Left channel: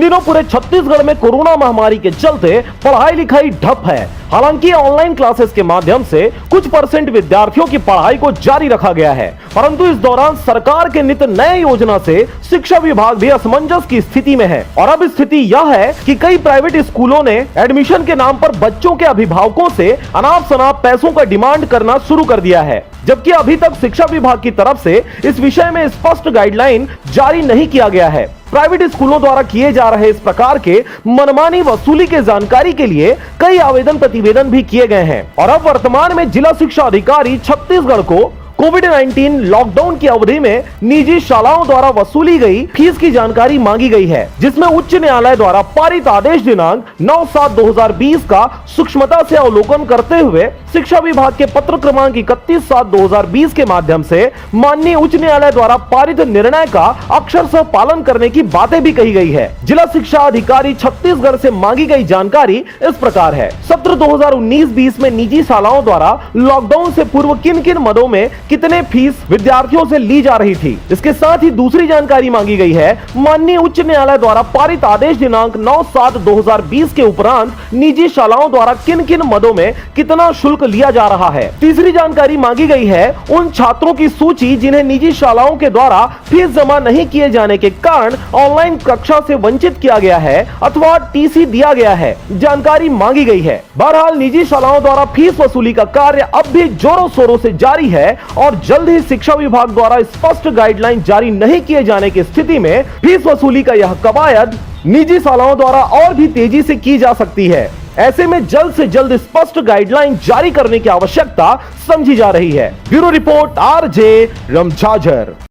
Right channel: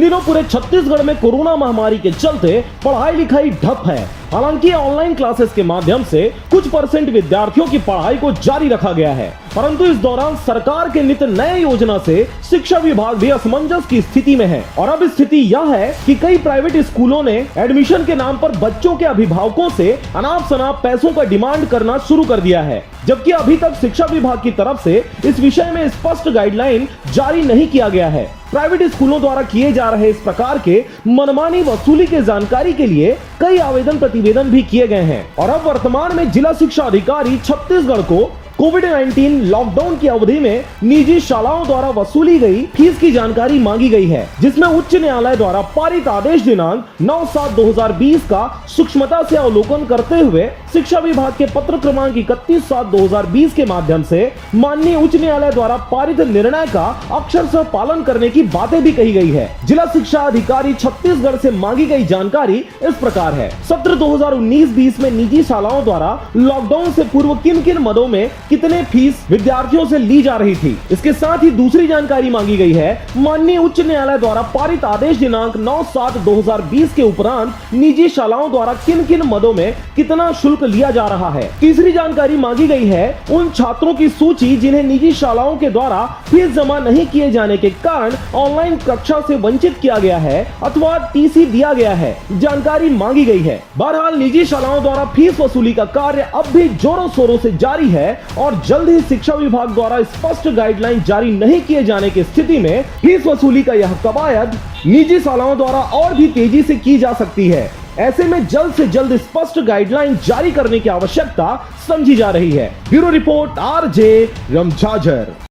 इन दिनों पूरे छत्तीसगढ़ में कोरोना महामारी के चलते पढ़ाई लिखाई ठप है। हालांकि ऑनलाइन क्लासेस के माध्यम से कुछ परसेंट विद्यार्थियों की पढ़ाई को जारी रखा गया है, परंतु इस दौरान सरकार के नित नए योजना से शिक्षा विभाग भी असमंजस की स्थिति में है। और अब स्थिति यह है कि कई प्राइवेट स्कूलों ने एडमिशन के नाम पर बच्चों के अभिभावकों से अनाप शनाप पैसों का डिमांड करना शुरू कर दिया है, जबकि अभी तक शिक्षा विभाग की तरफ से इस विषय में स्पष्ट गाइडलाइन जारी नहीं किया गया है। प्राइवेट स्कूलों द्वारा किए जा रहे इस प्रकार के मनमानी वसूली के जानकारी के लिए कई आवेदन प्रतिवेदन भी किए गए हैं और अब वर्तमान में जिला शिक्षा अधिकारी छत्तीसगढ़ को कोविड-19 लॉकडाउन की अवधि में निजी शालाओं द्वारा वसूली गई फीस की जानकारी मांगी गई है, जिसमें उच्च न्यायालय द्वारा पारित आदेश दिनांक 9/7/2020 का सूक्ष्मता से अवलोकन करते हुए शिक्षा विभाग के पत्र क्रमांक 31/7/2020 के माध्यम से माननीय उच्च न्यायालय द्वारा पारित निर्णय का अक्षरशः पालन करने की बातें भी कही गई है। जिला शिक्षा अधिकारी छत्तीसगढ़ से मांगी गई जानकारी इस प्रकार है। सत्र 2019-20 में निजी शालाओं द्वारा लॉकडाउन से पूर्व किन किन मदों में कितने फीस विद्यार्थियों से ली जा रही थी। इसके साथ ही दूसरी जानकारी मांगी गई है, माननीय उच्च न्यायालय द्वारा पारित आदेश दिनांक 9/7/2020 के उपरांत निजी शालाओं द्वारा किन किन मदों में कितना शुल्क लिया जा रहा है। तीसरी जानकारी मांगी गई है उन छात्रों की सूची जिन्हें निजी शालाओं के द्वारा फीस जमा नहीं किए जाने के कारण ऑनलाइन कक्षा से वंचित किया गया है अथवा टीसी दिया गया है, जानकारी मांगी गई है। बहरहाल निजी शालाओं द्वारा फीस वसूली का कार्य अब भी जोरों शोरों से जारी है और जल्द ही शिक्षा विभाग द्वारा स्पष्ट गाइडलाइन जारी नहीं किए जाने की स्थिति में फीस वसूली का यह कवायद निजी शालाओं द्वारा और भी तेजी से की जा सकती है। ऐसे में जल्द से जल्द स्पष्ट गाइडलाइन जारी करने की आवश्यकता समझी जा रही है। Bureau report RJ रमझाझर।